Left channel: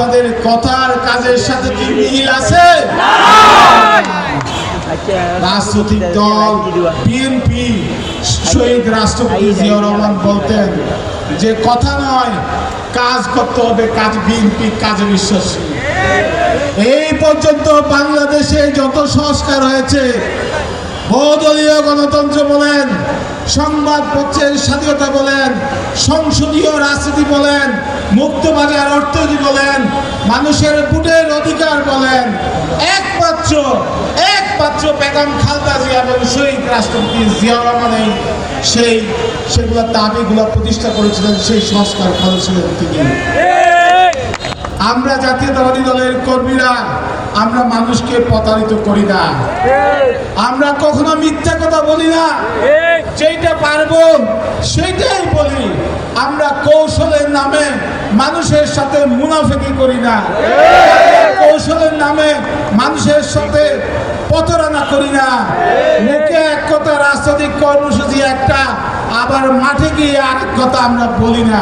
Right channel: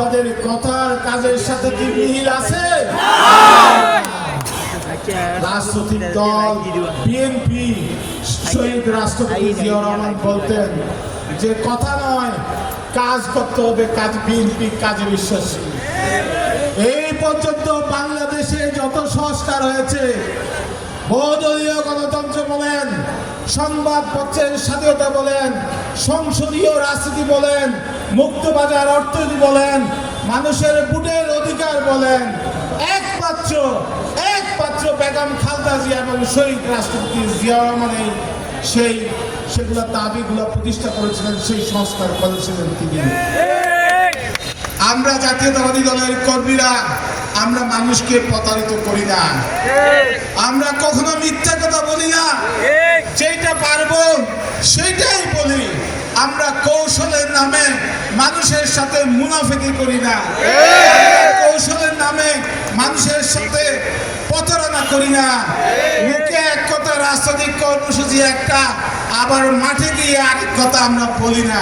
আপনাদের কথার কাজের সাথে কি মিল আছে? রাজনৈতিক দল বিএনপি, শহীদ রাষ্ট্রপতি জিয়াউর রহমান বলতেন যে কথা নয় কাজ করতে হবে, কাজ বিএনপি কাজে বিশ্বাসী। এই পর্যন্ত বাংলাদেশে যত সংস্কার হয়েছে, বহুদলীয় গণতন্ত্র বলেন, সংবাদপত্রের স্বাধীনতা বলেন, সংসদীয় রাজনীতি বলেন, মুক্তবাজার অর্থনীতি বলেন, মানুষের ভোটের অধিকার বলেন, একমাত্র বেগম খালেদা জিয়া এবং শহীদ রাষ্ট্রপতি জিয়াউর রহমানের সেগুলো দাবিগুলো প্রতিষ্ঠা করেছিলেন, সেই সংস্কার করেছিলেন তিনি। আমরা জাতীয়তাবাদী দলের কর্মীরা আমরা মানুষকে প্রতারিত করি না, আমরা কখনো মিথ্যা কথা বলি না, যেটা পারবো সেটাই বলি। আমরা কৌশলের নামে মানুষের সাথে মুনাফিকি করি না, কৌশলের নামে মানুষের সাথে প্রতারণা করি না। মুখে এক কথা, রাজনৈতিক কর্মসূচি একটা, আবার মাঠে গিয়ে আরেক কথা আমরা বলি না।